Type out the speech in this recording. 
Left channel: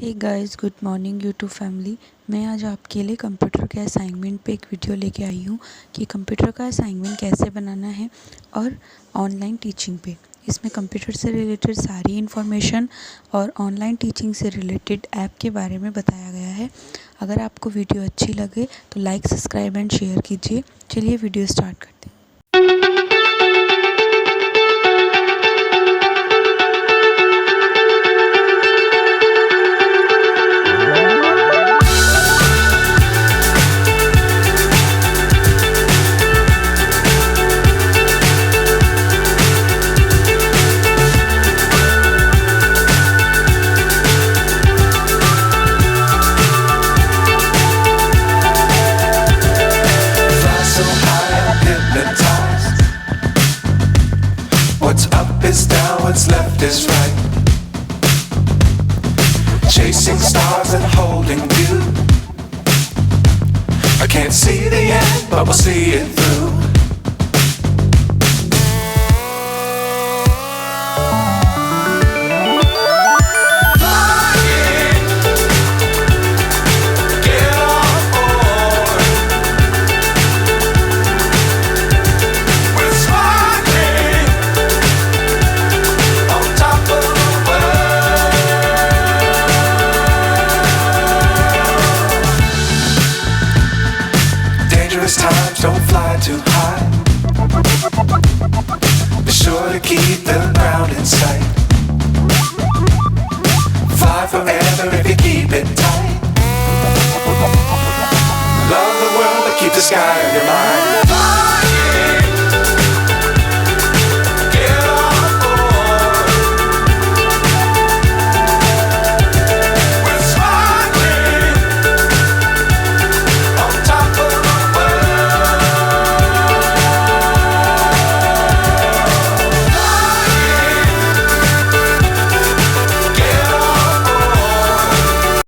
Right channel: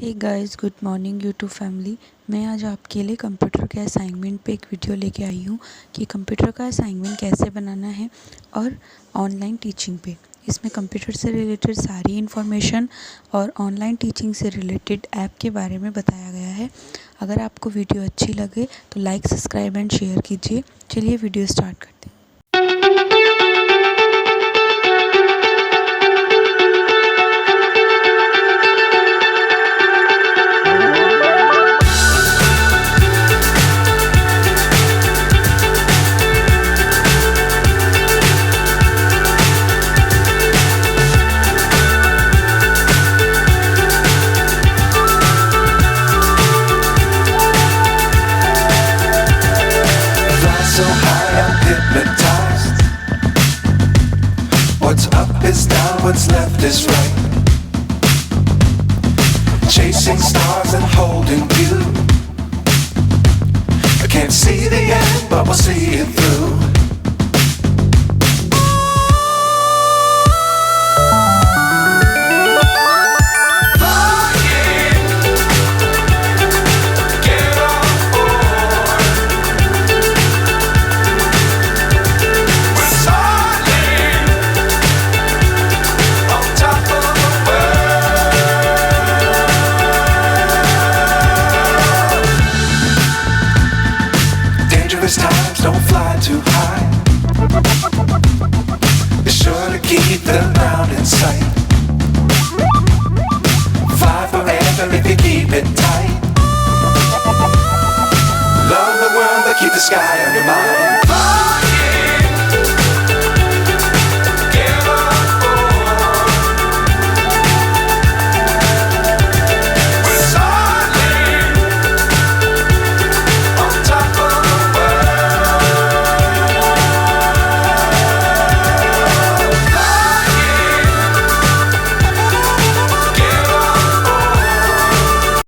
हे guys, good morning YouTube family. मैं आज आपके लिए कंप्यूटर के असाइनमेंट पे एक वीडियो लेके आई हूँ कि कंप्यूटर का असाइनमेंट कैसे बनाना है और ऑनलाइन टीचिंग पे। इसमें कंप्यूटर से रिलेटेड सारी इन्फॉर्मेशन और ऑनलाइन टीचिंग से रिलेटेड ऐप के बारे में बताया गया है। अगर आपको वीडियो अच्छी लगे तो लाइक, सब्सक्राइब एंड शेयर कीजिए। चलिए वीडियो स्टार्ट करते हैं। So high I'm hypnotized. What's up is down, what's left is right. Chasing stars and holding you. I can't see the end, but we'll see it through. Dangerous times, don't fly too high. Be sure to keep the ground in sight. Fly forever if you keep it tight. Love the world, but keep the sky on your mind.